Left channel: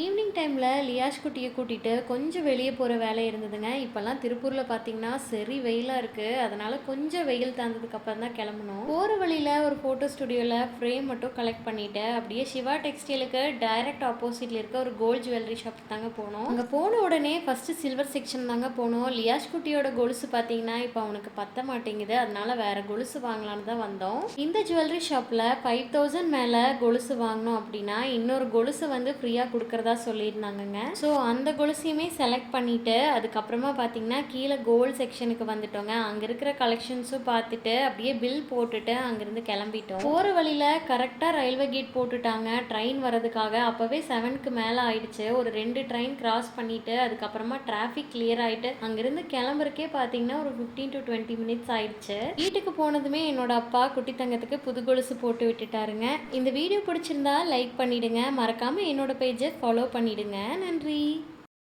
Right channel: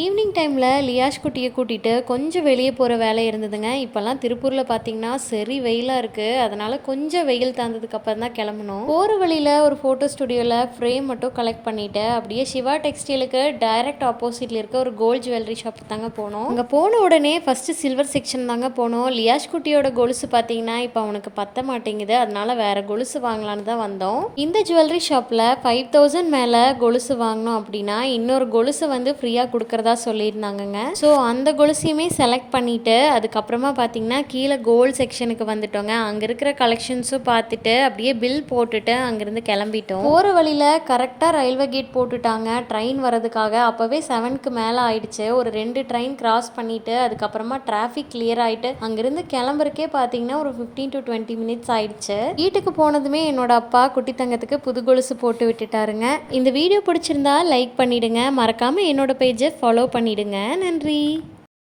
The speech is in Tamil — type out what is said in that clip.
ஈவினிங் டைமில் லியாஷ் குட்டியை கூட்டிகிட்டு கொஞ்சம் வெளியே போகிற வேலை இருந்ததுங்க. இப்போல்லாம் திருப்பூரில் பார்த்தீங்கன்னா சரி வெயிலாக இருக்குது. அதனால் கொஞ்சம் வெயில் தாழ்ந்ததுக்கு அப்புறம் தான் கிளம்பணும். போகிற வழியில் ஒரு ஃபோட்டோ ஸ்டுடியோவில் ஃப்ரேம் மட்டும் கலெக்ட் பண்ணிவிட்டு அப்படியே சிவா டெக்ஸ்டைலுக்கு டைரக்ட் ஆப்போசிட்டில் இருக்க ஒரு கோல்ட் ஜுவல்லரி ஷாப் தாங்க போனோம். அங்கே போன உடனே ஃபஸ்ட்டு சில்வர் செக்ஷன் தாங்க போனோம். லியாஷ் குட்டியோட கொலுசு பார்த்தீங்கன்னா இப்போ அவனுக்கு பத்த மாட்டேங்குது. அதனால வேறு கொலுசு வாங்கலான்னு தான் வந்தோம். இந்த ஜுவல்லரி ஷாப்பில் 5000 மேலே கொலுசு வாங்கினோம் அப்படின்னா இன்னொரு கொலுசு வந்து ஃப்ரீயாக கொடுக்குறதா சொல்லியிருந்தாங்கங்க. ஸோ அந்த கொலுசையுமே செலக்ட் பண்ணிவிட்டு அதுக்கப்புறமா பார்த்தீங்கன்னா கீழே கோல்டு செக்ஷனுக்கு வந்துட்டோங்க. அங்கே இருக்கிற கலெக்ஷன்ஸும் பார்த்துட்டு அப்படியே பில் போட்டுட்டு அங்கேருந்து கிளம்பிட்டோம். போகிற வழியில் கரெக்டாக ரயில்வே கேட் போட்டுட்டாங்க ட்ரெயின் வரதுக்காக. அப்போவே 7க்கு மேலே ஆயிடுச்சு. ஒரு 2 ட்ரெயின் கிராஸ் பண்ணிவிட்டு அதுக்கப்புறமா டிராஃபிக் கிளியர் ஆகிட்டு அங்கேருந்து கிளம்புறக்கே பார்த்தீங்கன்னா ஒரு 15 to 20 மினிட்ஸ் ஆயிடுச்சு. வீட்டுக்கு போனதுமே என்னோட அப்பா குட்டி தங்கத்துக்கு புது கொலுசு போட்டு விட்டுட்டாருங்க. இந்த வீடியோ பிடிச்சிருந்தா லைக் பண்ணிடுங்க. மறக்காமல் என்னோட பேஜை ஃபாலோ பண்ணிடுங்க. நன்றி.